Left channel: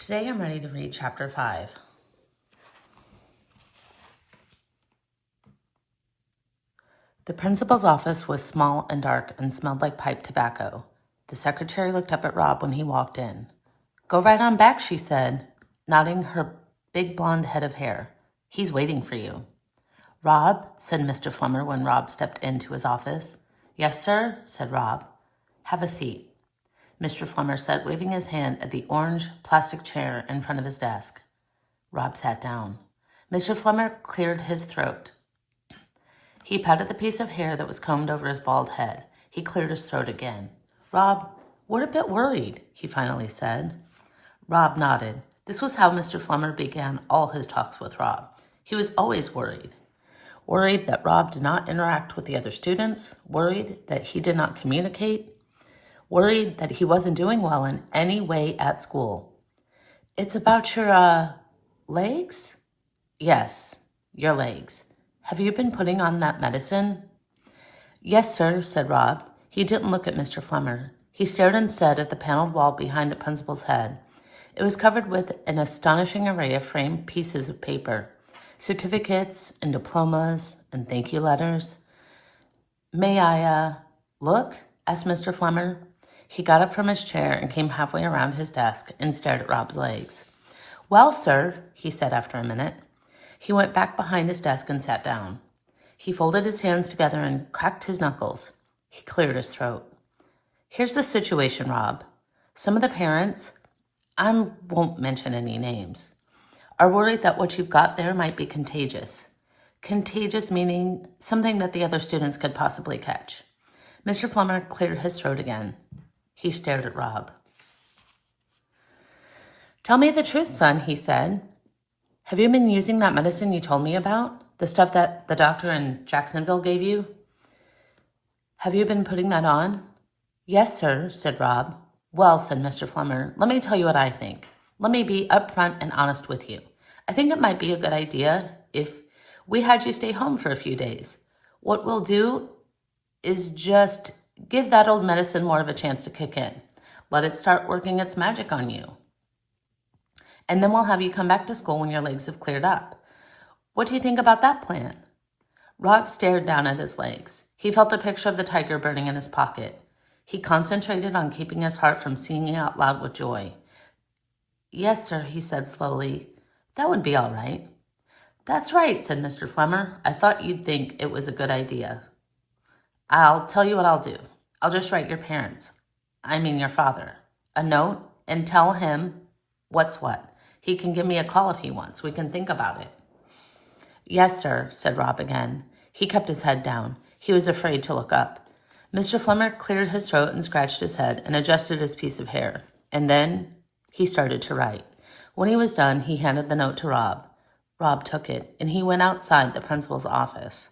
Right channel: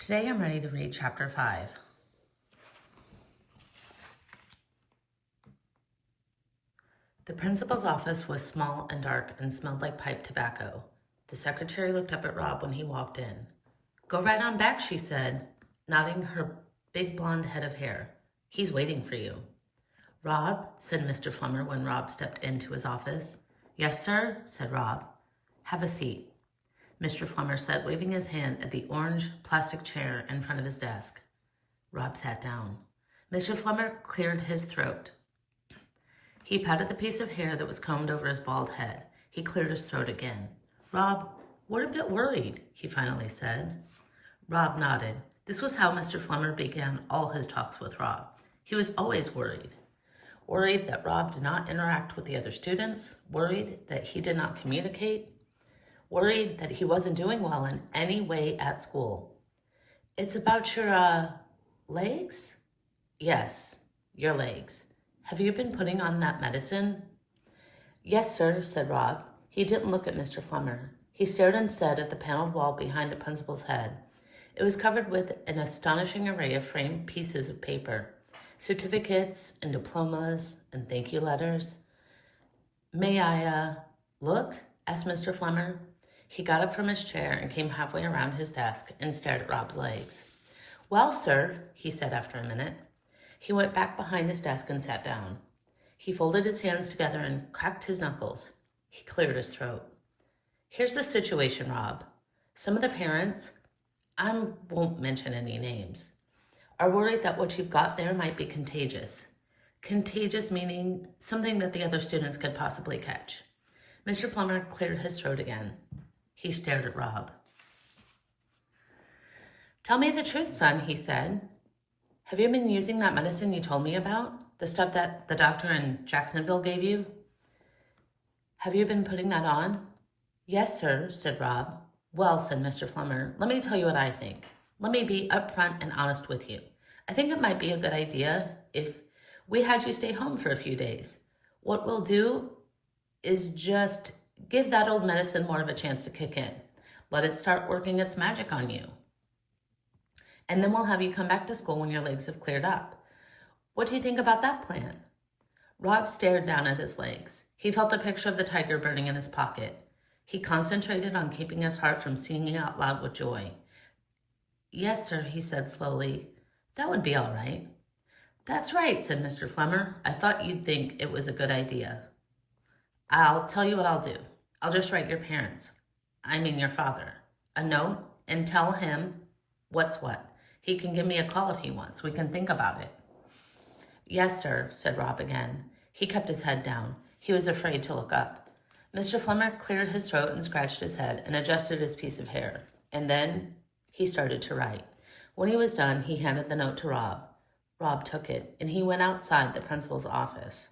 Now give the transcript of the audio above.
Today I'm ready to read chapter 5. The principal's office was small and dark and smelled like pipe tobacco. The secretary looked up at Rob when he walked in. "Go right on back," she said, nodding her big blonde head of hair. "He's waiting for you." "Rob," said Mr. Flummer when Rob stepped into his office. "Yes, sir," said Rob. "Have a seat," Mr. Flummer said, waving his hand at the orange plastic chair in front of his desk. Rob sat down. Mr. Flummer cleared his throat. He patted the piece of hair that was combed over his bald head. He cleared his throat again. "Rob, we're a bit worried," he finally said. Rob nodded. This was how Mr. Flummer began all his talks with Rob. He was always worried. Worried that Rob did not interact with the other students, worried that he did not communicate, worried that he wasn't doing well in any way at school. "It's about your, legs?" "Yes, your legs. Have you been putting on that medicine?" "Yes, sir," said Rob. He didn't look at Mr. Flummer. He stared instead at the paneled wall behind the principal's head. It was covered with an astonishing array of framed pieces of paper, certificates and diplomas and thank you letters. "May I, look?" asked Mr. Flummer. He got up from his chair and came halfway around his desk and stared at Rob's legs. "Well, sir," he said after a minute. He went back behind his desk and sat down. He folded his hands together and cracked his knuckles. He cleared his throat. "Here's the situation, Rob. Some of the parents, I won't mention any names, are worried that what you've got there might be contagious. Contagious meaning something that the other students could possibly catch." Mr. Flummer cleared his throat again. He stared at Rob. "Tell me the truth, son," he said. "Have you been using that medicine you told me about? The stuff that the doctor in Jacksonville gave you? Have you been putting that on?" "Yes, sir," said Rob. "Well," said Mr. Flummer, "let me tell you what I think. Let me be upfront and honest with you. I think it might be a good idea if we had you stay home for a few days. What we'll do is just give that old medicine more of a chance to kick in. Let it start working its magic on you. And then we'll have you come back to school when your legs have cleared up. What do you think about that plan?" Rob stared down at his legs. He felt the picture of the tiger burning in his pocket. He concentrated on keeping his heart from singing out loud with joy. "Yes, sir," he said slowly. "That would be all right." "That's right," said Mr. Flummer. "I thought you'd think it was a good idea. I'll tell you what I'll do. I'll just write your your father, a note and tell him what's what. He can give me a call if he wants. We can think about it." "Yes, sir," said Rob again. He kept his head down. He was afraid to look up. Mr. Flummer cleared his throat and scratched his head and adjusted his piece of hair. And then he started to write. When he was done, he handed the note to Rob. Rob took it, and he went outside the principal's office.